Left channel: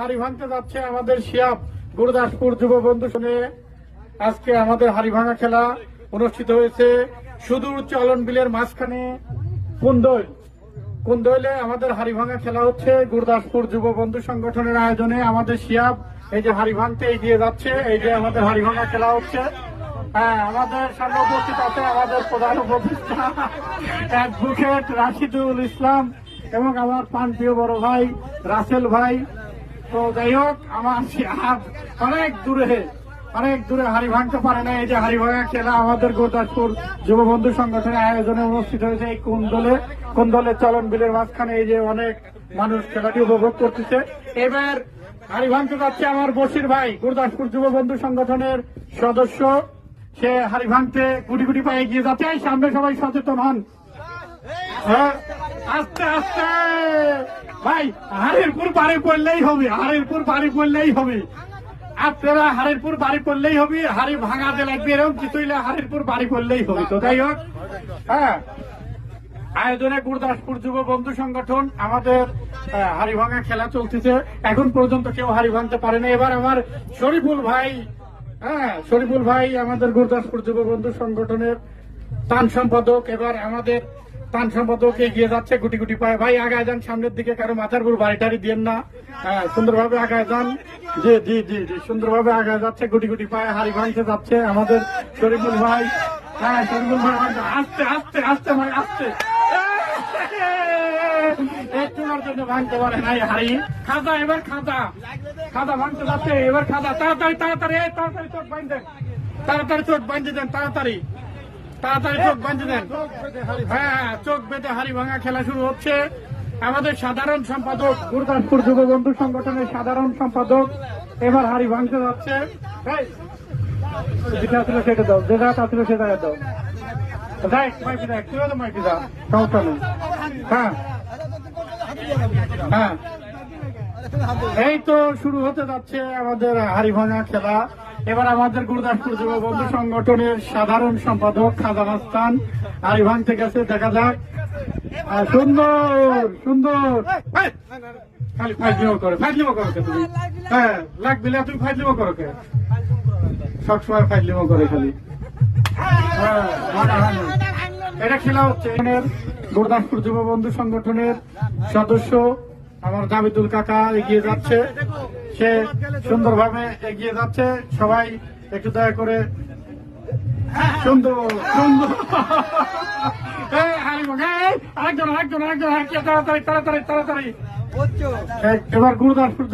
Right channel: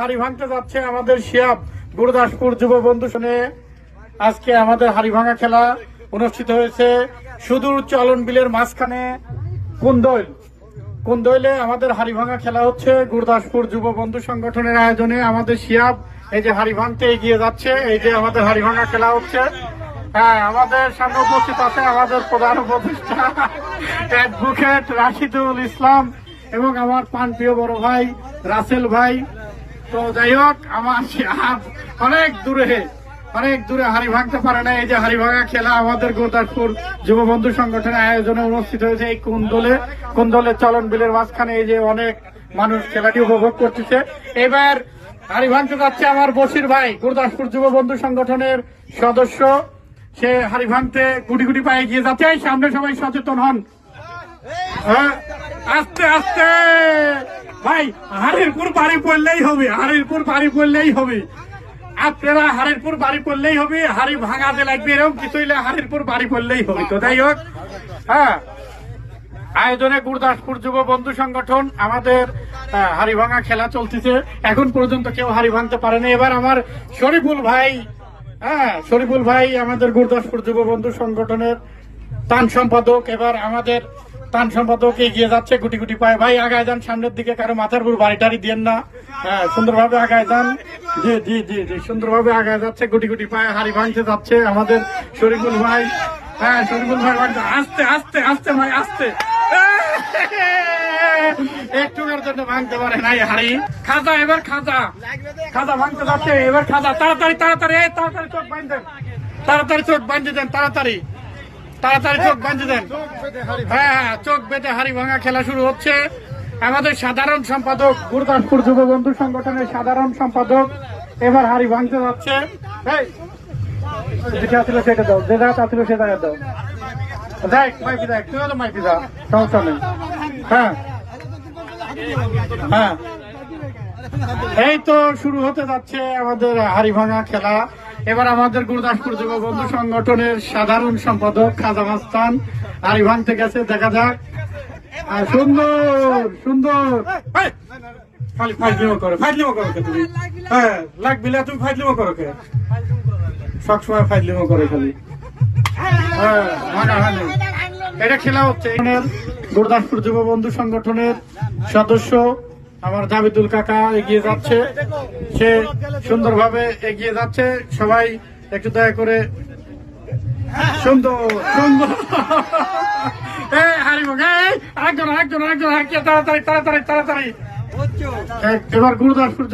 হাড়ি ভাঙতে যাচ্ছে আমাদের শিয়াব গুরুদাসপুর যুব বন্ধু শুনে। আজকে আমাদের হাড়ি ভাঙা খেলা অনুষ্ঠিত হয়েছে সুদূর চলন বিলের মাঝখানে কুন্দইলে আমাদের হাড়ি ভাঙা খেলা হচ্ছে গুরুদাসপুর যুব বন্ধু সংগঠনের আয়োজনে। আমাদের শিয়াব এই যে হাড়ি ভাঙতে এগিয়ে যাচ্ছে, এই যে আমাদের হাড়ি ভাঙা খেলা হচ্ছে। হ্যাঁ, আমাদের সামনে উপস্থিত আছে আমাদের প্রধান উপদেষ্টা অ্যাডভোকেট রাশিদুল ইসলাম এবং আমার প্রাণপ্রিয় বড় ভাই রাসেল ভাই। তো যাই হোক, আমার শিয়াব অনেক দূরে হাড়ি ভাঙতে পারে না। এই যে হাড়ি ভাঙা খেলা আমাদের গুরুদাসপুর যুব বন্ধু সংগঠনের আয়োজনে অনুষ্ঠিত হয়েছে এই কুন্দলে চলন বিলের মাঝখানে। এই যে অনেক মানুষ খেলাটি উপভোগ করতেছে। এবার হাড়ি ভাঙতে যাচ্ছে আমার বশির ভাই, গুরুদাসপুর যুব বন্ধু সংগঠনের সদস্য। সে হাড়ি ভাঙতে গুটি গুটি পায়ে গিয়ে যাচ্ছে। সামনে সবাই সচেতন হন। আস্তে আস্তে ভাই, হাড়িরপুর বাড়ি পড়লেই হবে, আপনারা হাড়িরপুর বাড়ি পড়লেই হবে। হাড়ি ভাঙাতে লাগবে এরকম কিছু হইলে হাড়িরপুর বাড়ি পড়লেই হবে। তো যাই হোক, হ্যাঁ, আয়োজনে গুরুদাসপুর যুব বন্ধু সংগঠন আমাদের হাড়ি ভাঙা খেলা চলতেছে। এখন পর্যন্ত কেউ হাড়ি ভাঙতে পারেনি। এবার আমার শরীফুল ভাই আমাদের গুরুদাসপুর যুব বন্ধু সংগঠনের তান সম্পাদক। এবার আমাদের তান সম্পাদক এগিয়ে যাচ্ছে গুটি গুটি পায়ে। ভাই আগায় যান সামনের দিকে, কারো মাথার উপর বাড়ি টাড়ি দিয়েন না। হ্যাঁ, সুন্দরভাবে আগায় যান। জি, সুন্দরভাবে আগায় যাচ্ছে, গুটি গুটি পায়ে হাড়ি ভাঙতে যাচ্ছে আমাদের শরীফুল ভাই। হ্যাঁ, শরীফুল ভাই আস্তে ভাই, আস্তে একটুর জন্য ভাঙতে পারে নাই হাড়ি। এবার খাজা ভাঙতে যাচ্ছে। এবার খাজা তাড়াতাড়ি চোখ বাঁধেন, চোখ বাঁধে দেন। হ্যাঁ, চোখ বেঁধে হাড়ি ভাঙা খেলা শুরু হচ্ছে। আমাদের সাধারণ সম্পাদক, গুরুদাসপুর যুব বন্ধু সংগঠনের সাধারণ সম্পাদক এবার হাড়ি ভাঙতে যাচ্ছে। যেটা ছিল সেটা দাও, যে জায়গা ছিল সে জায়গা দাও। দেখ তুই তো মাইকি যা, সমস্যা নেই। হ্যাঁ, এই তো শুরু হতে যাচ্ছে আমাদের হাড়ি ভাঙা খেলা। এবার আমাদের গুরুদাসপুর যুব বন্ধু সংগঠনের সাধারণ সম্পাদক খাজা মাস্তান হাড়ি ভাঙতে গেছে। দেখা যাক। সুন্দর খালি ফাইজলিমো করো কে তুমি? হ্যাঁ, লাগবে তুমি ফাইজলিমো করো কে? সবসময় ফাইজলিমো করে খালি। হ্যাঁ, এটা খেলা হচ্ছে। গুরুদাসপুর যুব বন্ধু সংগঠনের সদস্য আমার জাবিদুল কাকা এগিয়ে যাচ্ছে। সে সুন্দরভাবে এগিয়ে যাচ্ছে। সবাই একটু দয়া করে সুন্দর তাড়াতাড়ি এবার গুরুদাসপুর